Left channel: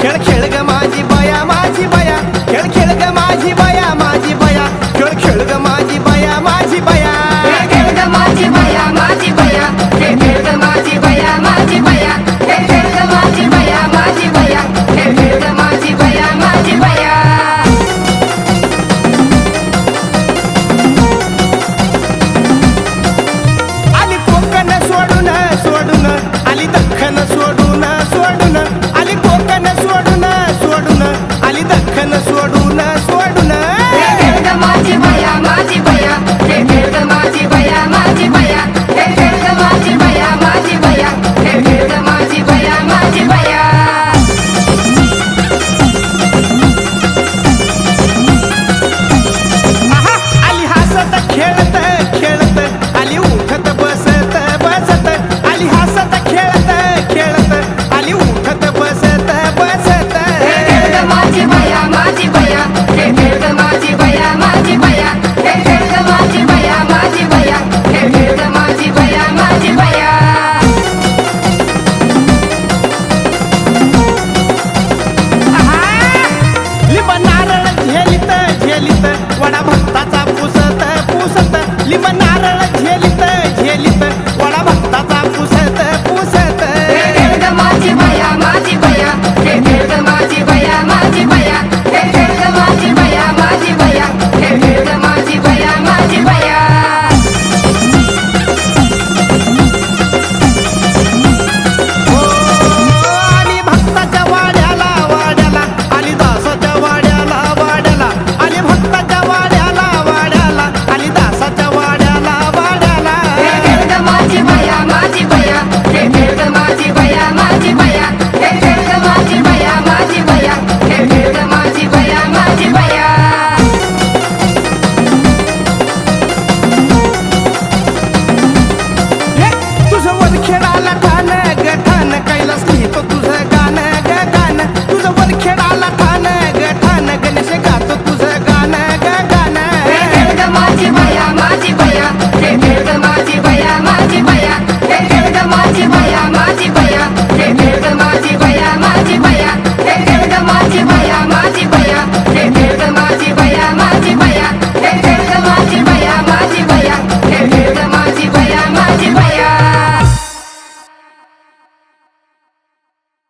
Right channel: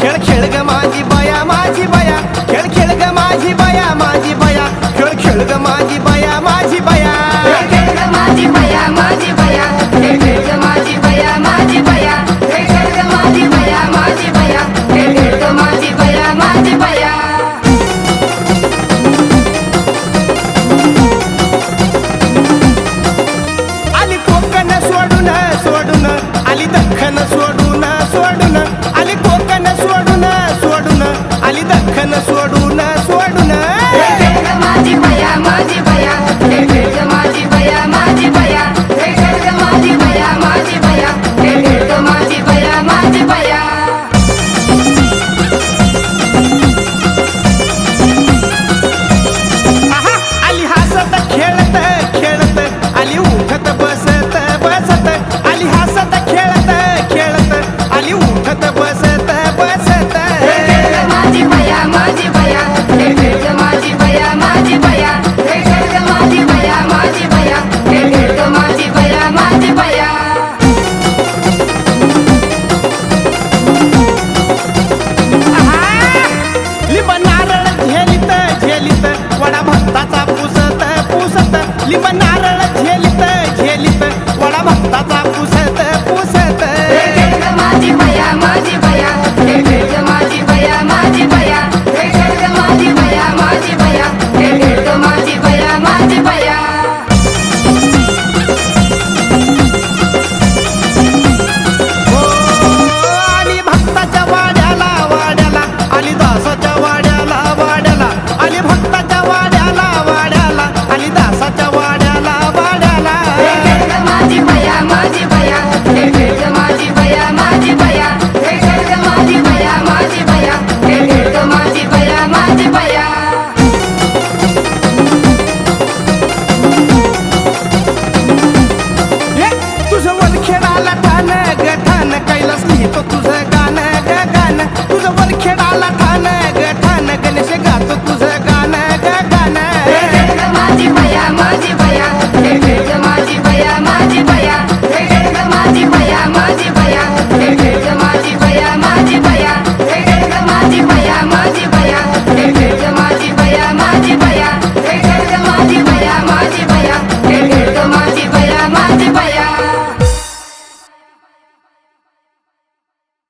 खेळ खेळ ग माझी बया माझी बया खेळ खेळ ग माझी बया माझी बया खेळ खेळ ग माझी बया माझी बया आली कोकण सोडून सोडून आली दख्खन सोडून सोडून आली कोकण सोडून सोडून आली दख्खन सोडून सोडून आहा, आली हसत खेळत खेळत आली उठत बसत बसत आली हसत खेळत खेळत आली उठत बसत बसत लिंब नारळ झेलित झेलित वडा भक्ताचा पुसत पुसत लिंब नारळ झेलित झेलित वडा